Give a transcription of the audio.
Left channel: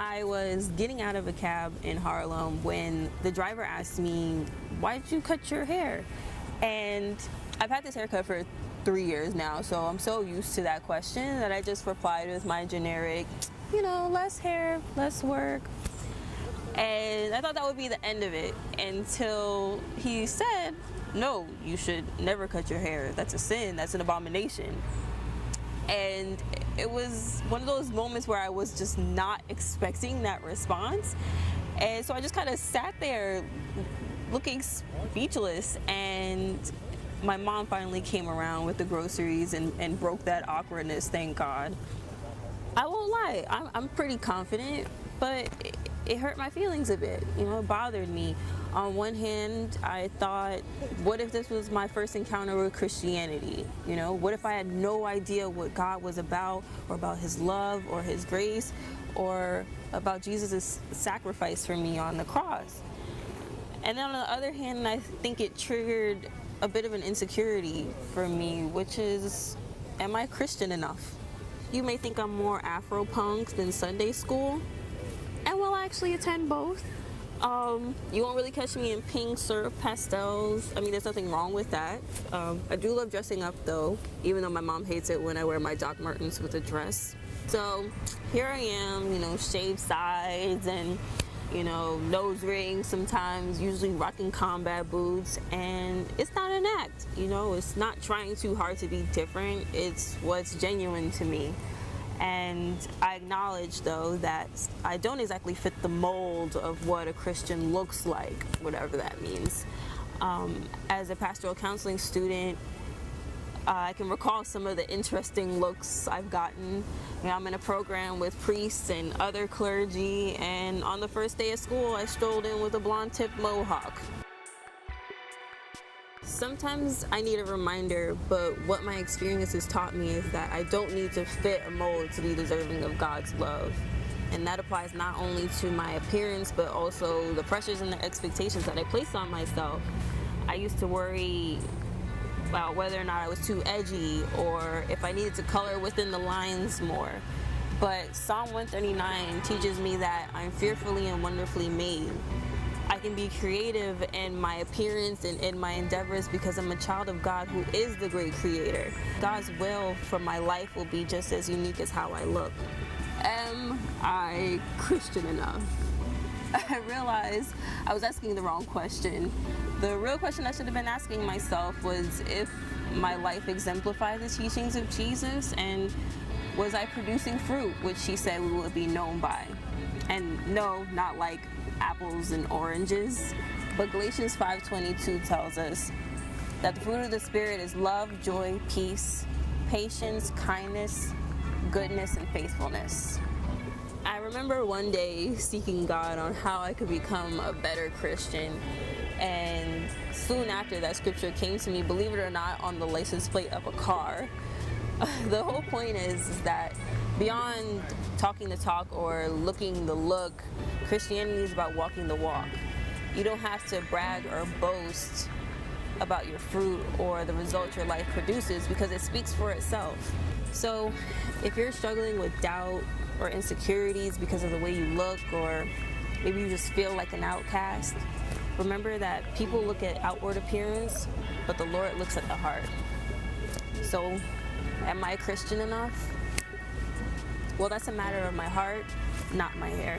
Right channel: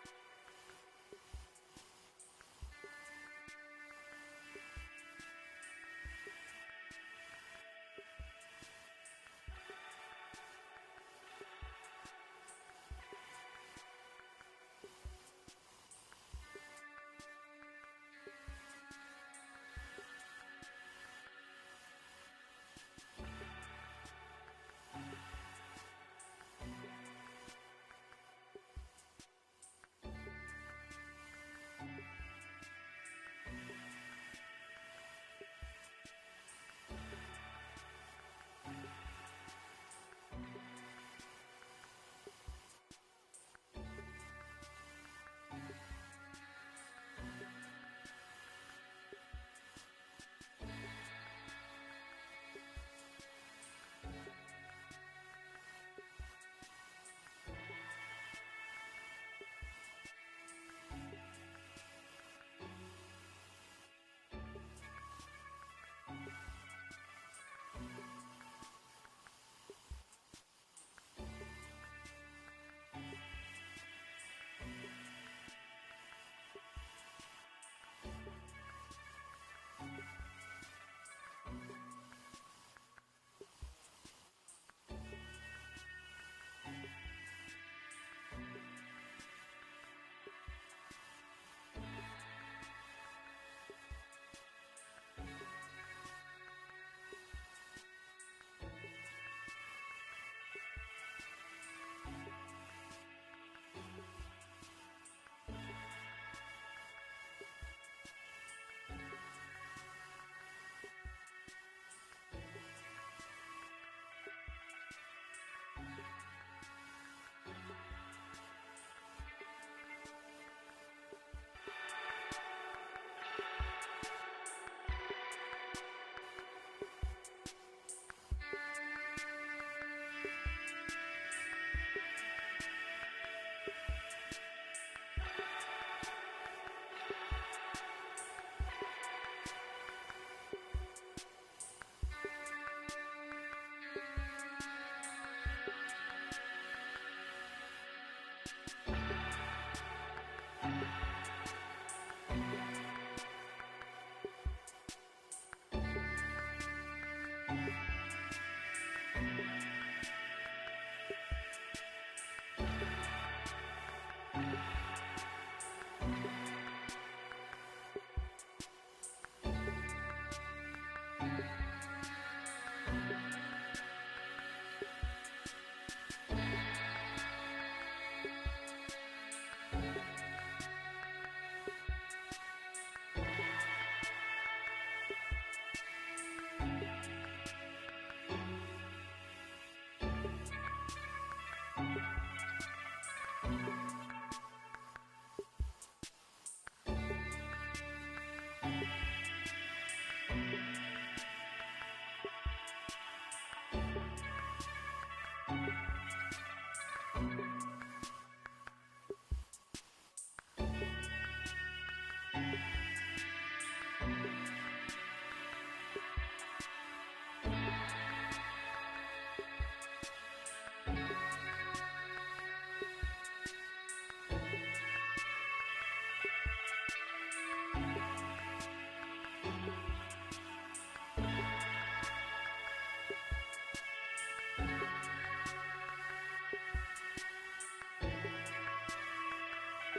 I was getting out of a cab in Harlem when the driver asked me, "Why'd you cut your hair?" And I've had this haircut for 3 years now, so I'm so used to that question that I just replied with my generic, less hair, less work. And I thought that would be the end of it until he said, "No, you should never cut your hair. That's a sin. That's an abomination." And it was one of those moments where I was just not expecting that response. And so I just kind of sat there looking speechless. And my mom finally came around with the groceries and broke that awkwardness, thank God. I won't lie, I'm pretty confident, but it hurt my feelings a bit. It bothered me. On one hand, I thought, what if this was my first encounter with Christianity? What if I had no idea what God was about, or about his love or his grace, or about Jesus' sacrifice for me on the cross? And then on the other hand, I think it triggered a bit of an insecurity for me, which is, am I Christian enough? You may think I'm more Afro-punk than Sunday school, and will actually attend both. You won't really catch me in pink syrup pastels. I mean, there's nothing wrong with that. I do love dressing up though, even though my mom hates it when I wear my Doc Martens with a dress. So here I am, shaved sides and, nose rings sometimes, usually rocking combat boots. And it's not an act, it's not trying too hard to be different. It's what's genuine to me. And I acknowledge, though, that I don't exactly fit the mold of what a Christian looks like, whatever that means. As a pastoral counseling student, I can recall some of the interesting looks I've gotten. I'm in a program with priests and other clergy, and on the first day of school, I strolled in with a blonde-tipped mohawk. Sometimes I need a reminder, but what my experience has taught me is that I don't need to fit a mold to be deserving of God's love. And that applies not only to my appearance, but also the pressures and the expectations that I place on myself. I used to worry about whether or not I was too edgy, or if I needed to color within the lines more. But Psalm 139 teaches me that I'm fearfully and wonderfully made. I can be creative in my appearance and in my endeavors because I'm a child of God who is the great creator. God's will for my life will be just as unique as how I look. Am I Christian enough? I realized I was asking the wrong question. The real question I should have been asking myself was if my life exemplified the teachings of Jesus, and was I producing fruit, which he said we would be known by. And no, not like apples and oranges, but Galatians 5:22 tells us that the fruit of the Spirit is love, joy, peace, patience, kindness, goodness, and faithfulness. I remember one day seeking God on how I could become a better Christian, and soon after that scripture came to me, believe it or not, on the license plate of a car. The whole point is that beyond talking the talk or looking the look, Christianity is about walking the walk. You don't have to brag or boast about your fruit or the results your life produces, because it speaks for itself. So if you're struggling with doubt or insecurities because of the way you look, or maybe you just feel like an outcast, remember that people look at outward appearance, but the Lord looks at the heart. So, am I Christian enough? Well, that's a matter of my heart, not my hair.